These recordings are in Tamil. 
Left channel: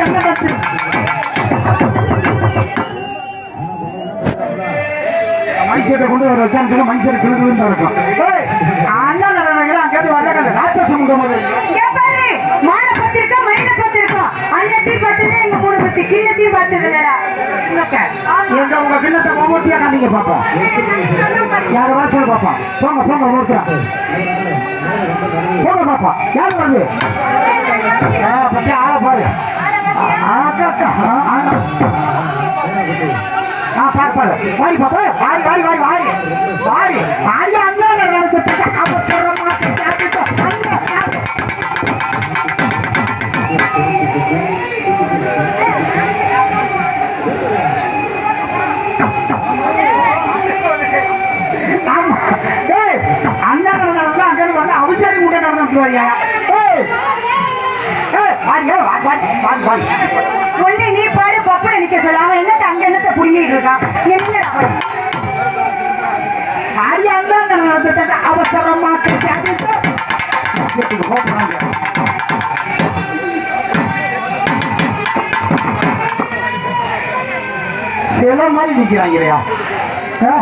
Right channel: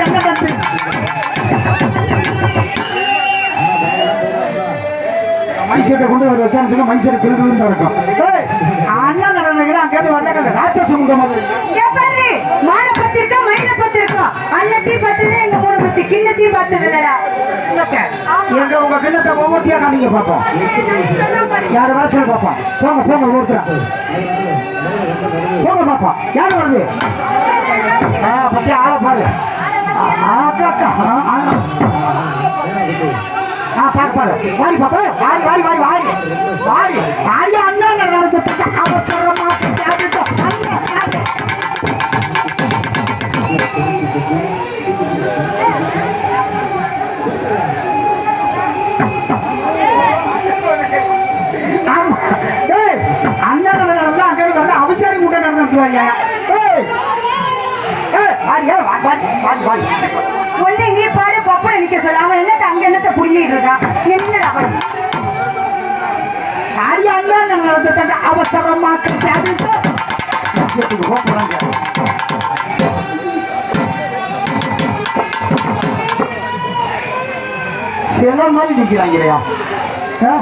தங்க பத்து கொண்டு வர வச்சான்னு சொன்னா மைசூரை கிழக்கு இருக்கும் ஏய், அண்ணா நடனங்களா வரல ராட்சச முகம் அது இங்க மயில பத்து அண்ணத்தையும் பத்தல எங்க மூணு பத்து கிண்ணத்தையும் பத்தது எங்க உங்க கிண்ணத்தை ஒவ்வொருத்தியா காமிங்க பாப்போம் யார் வாசல் பாப்பா போங்க போங்க ஒருத்தரா போங்க பாப்பா யார் வருது பத்தி ஆள பாரு. ஆ, வாடி பாப்பா வாடி வாடி வாடி வாடி வாடி வாடி அண்ணா நடந்துட்டு அவசரமா அண்ணா நடந்தா அங்க வந்து நடந்துட்டு வரியா ஏய் ஏய், வாடி, ஏய், வாடி, வாடி, வாடி, வாடி. ஒண்ணு நீ பாடு பப்பட நிக்க சொல்ல. அவன் என்னத்த அங்க என்னத்த புடிங்கிட்டு இருக்கான் என்னடா அவன்? வாடி, அண்ணா நடந்துட்டு அவசரமா கேட்டு சில மாதிரி நிக்கிறாங்க இல்லையா? ஆ?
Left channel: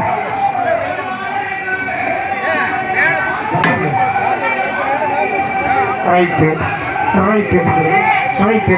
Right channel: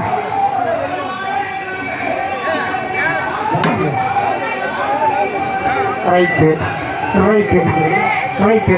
ரைட்டு சொல்லுங்க ரைட்டு